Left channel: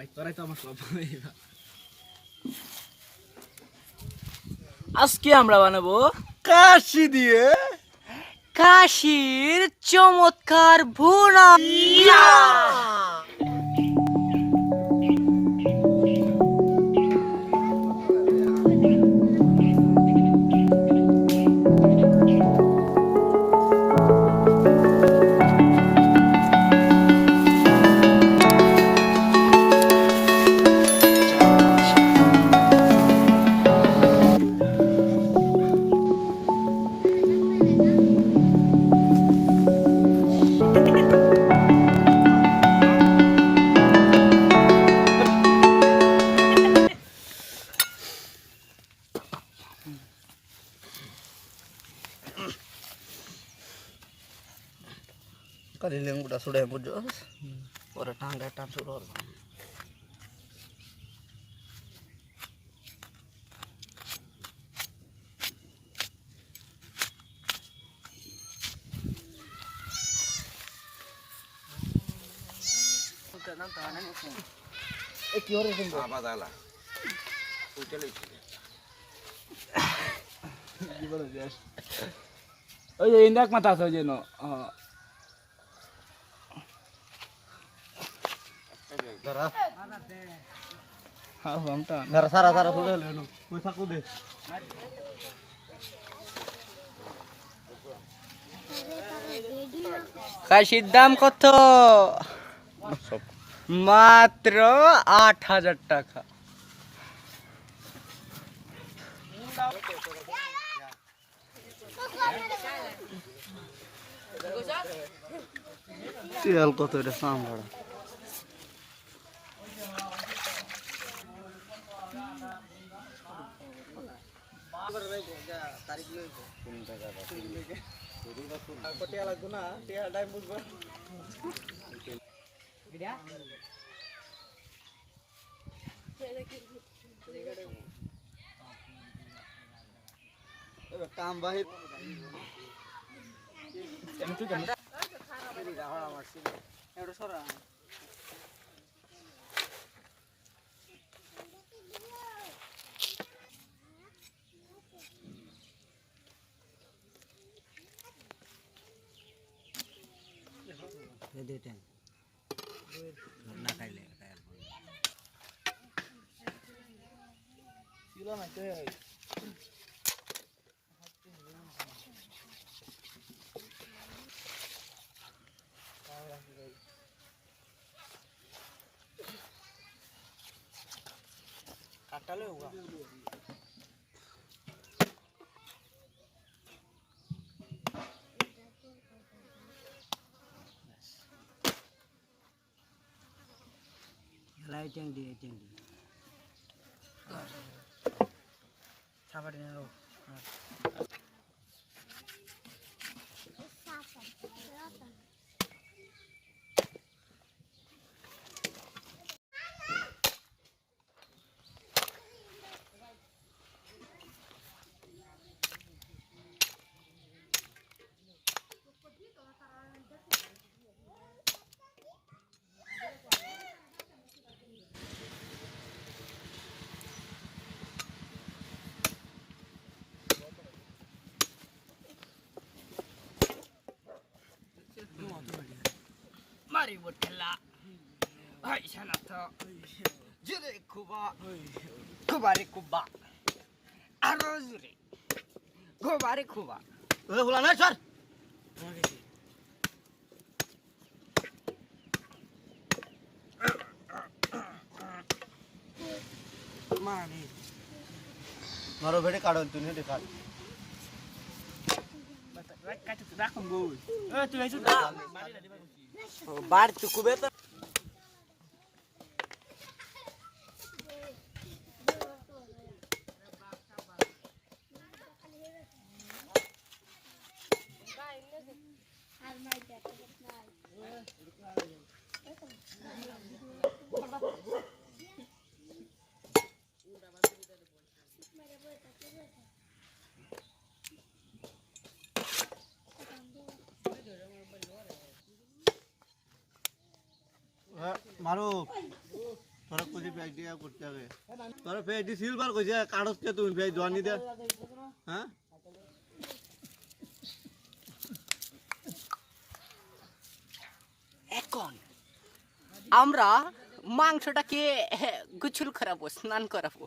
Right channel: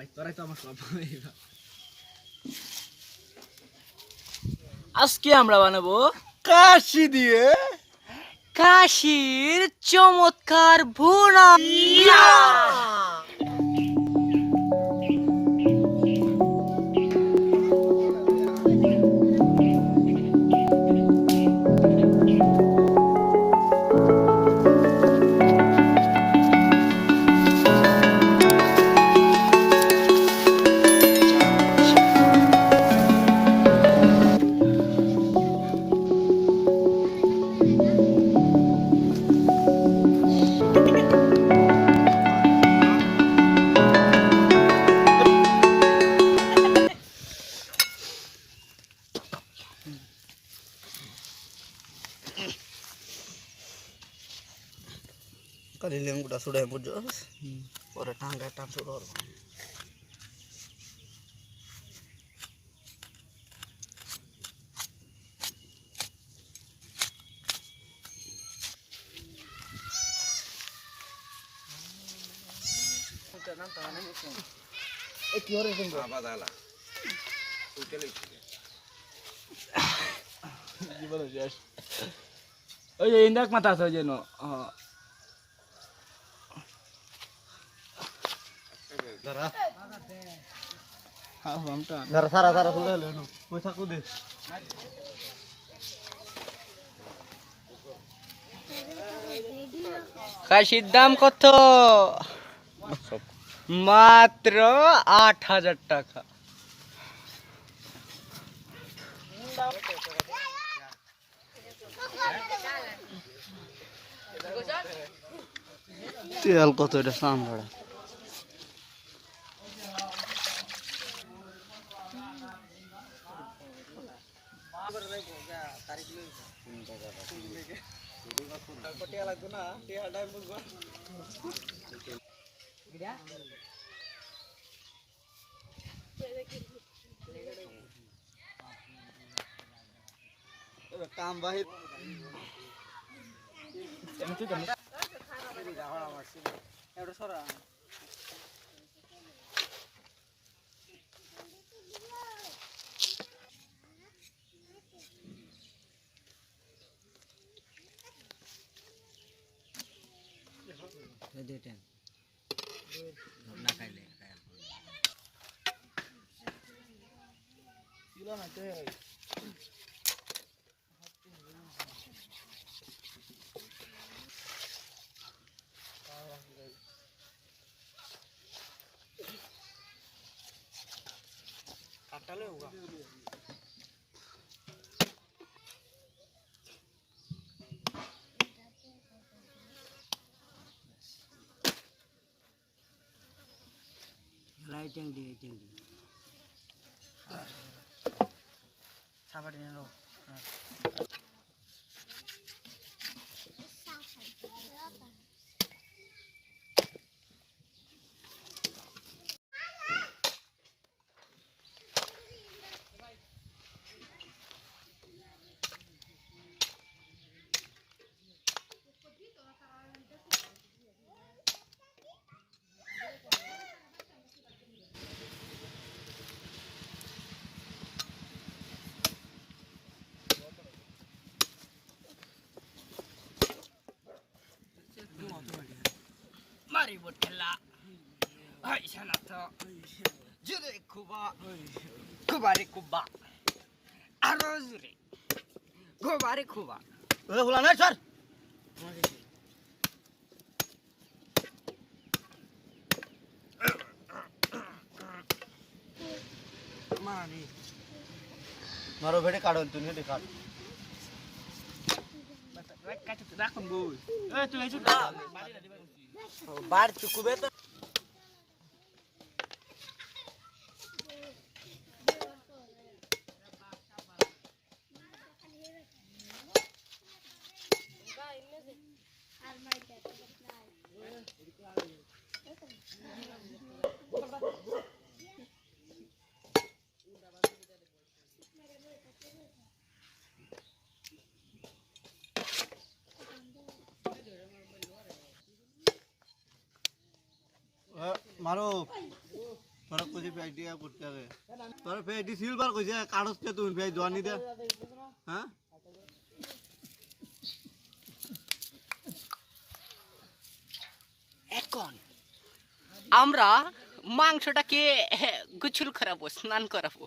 ভাই তোরাই তো আমার সব। আজকে আমরা বানাবো কাশি দিয়ে কাশির চমৎকার ভুনা। kaliling udah sudah yang putus pada tangga tam suror কি হরে তুমি বাবা দালা তুই চলে কি বলে যাস ওই ইন্দাক মাথা আছে ওই জন্য Dara. Dara sara sudah lenu. Wes aku deh. কাশির দাম কত? মাত্র ৮,০০০ টাকা। তেল কত এটা সামড়া কাম বাহির কাটালে হোগা লাইটিং দিয়ে সাবাড়ি নাও Mari berkelak. Hai sana tu. Jadi kuba. Kubari kuba. Arozuri. Kubari kuba. ulang aja sar Mana ni? maro bede kadon tu ni dekat Kata tu dah kembul. Tu itu dah. Balik dah di bawah. Bar tu kubeta. কইছে phase দিয়া করতে হবে তোর phase দি silver কইছে কাগজ কে তুই phase Johnny দে হ্যাঁ এখন আমরা মাংসটাকে গোসল করাবো, স্নান করাবো।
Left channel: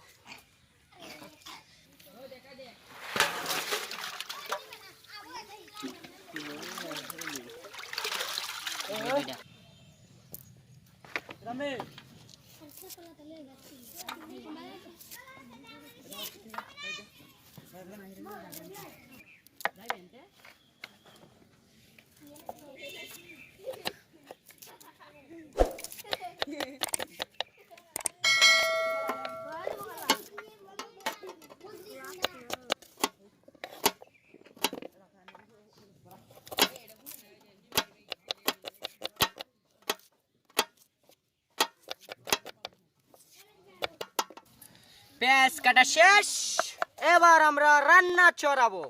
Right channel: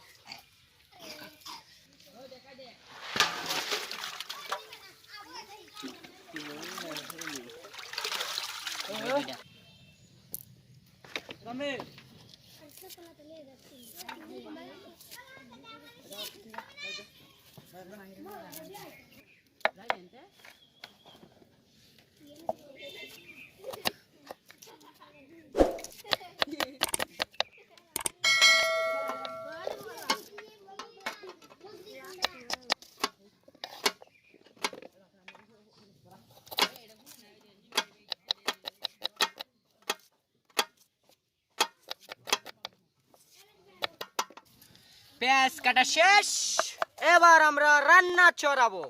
পেঁয়াজ কাটা শেষ, এবার আমরা রান্না চড়াবো।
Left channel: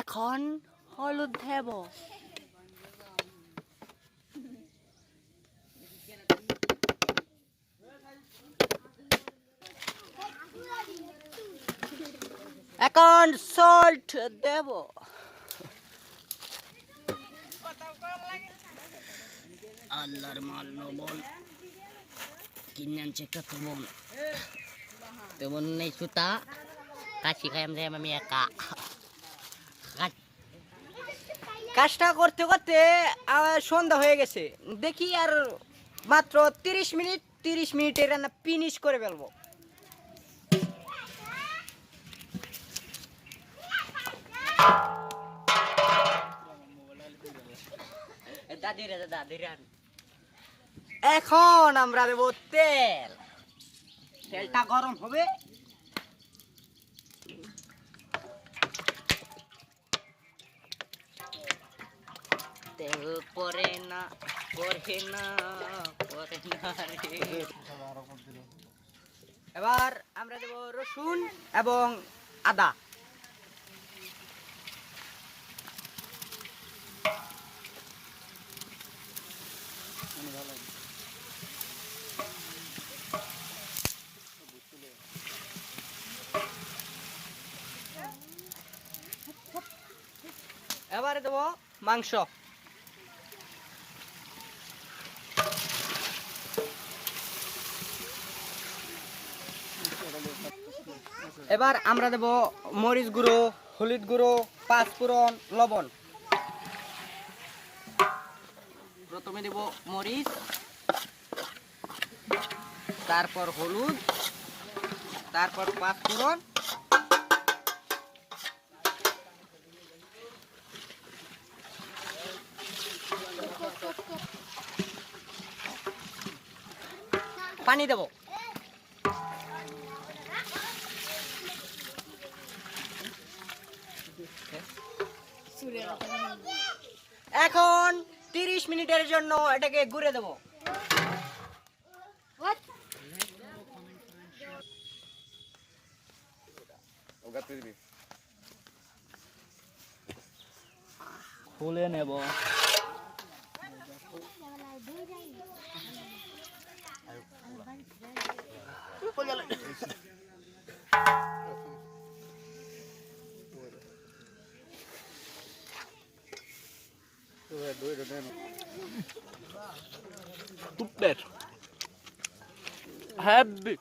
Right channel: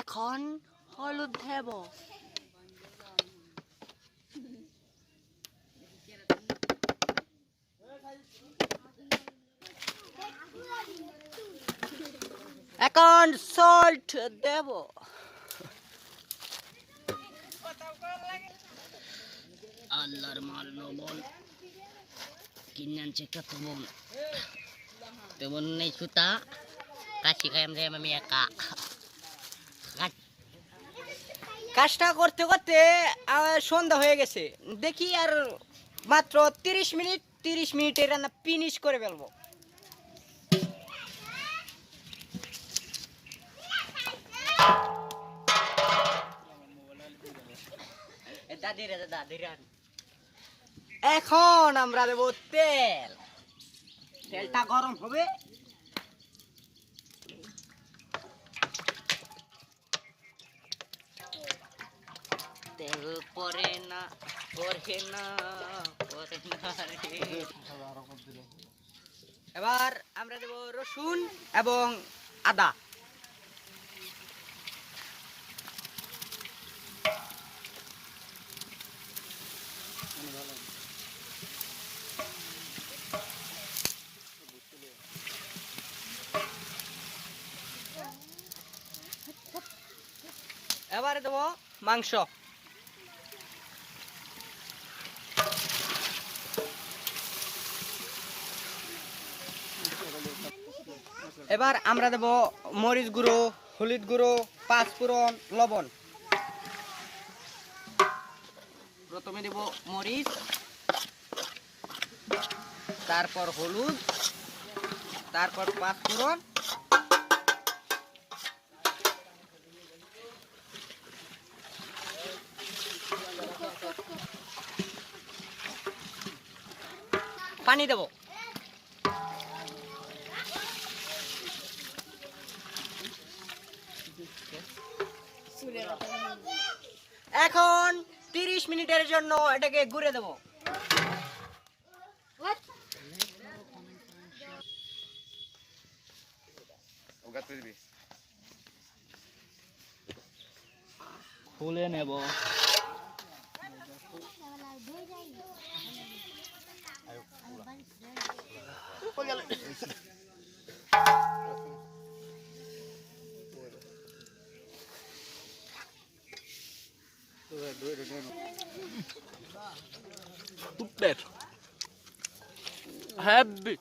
এখন হলুদ দেব, এখন সল্ট দেব, আল্লাহর মাল লবণ কিনে আনছে কত মন, তেমন নেই সুতা কাশি খাই আমি একা। কাজটা করতে করতে সন্ধ্যা হয়ে গেছে, দেখি আর মাত্র 30 মিনিটের রান্না ফিনিশ করে ফেলবো। এখন আমরা দেব তেল, তেলটা গরম হবে। তেল পরে না এবার আমরা দেব রসুন এবং আদা। এবারে দেব মাংস, এবার আমরা দেব মরিচ গুঁড়ো, হলুদ গুঁড়ো, পাঁচফোড়ন, লবণ। প্রথমে দেব মরিচ, তারপর হলুদ, তারপর পাঁচফোড়ন, পানি দেব। এখন 30 মিনিটের জন্য এটাকে ঘুরে দেব। খুলে নেব। Super. Happy.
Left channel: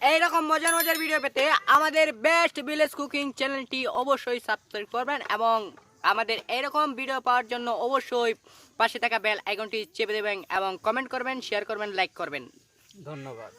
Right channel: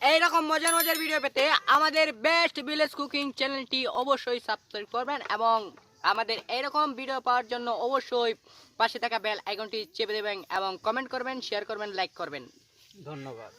এইরকম মজার মজার ভিডিও পেতে আমাদের বেস্ট ভিলেজ কুকিং চ্যানেলটি অবশ্যই সাবস্ক্রাইব করবেন এবং আমাদের এইরকম ভিডিও পাওয়ার জন্য অবশ্যই পাশে থাকা বেল আইকনটি চেপে দেবেন এবং কমেন্ট করবেন, শেয়ার করবেন, লাইক করবেন। ধন্যবাদ।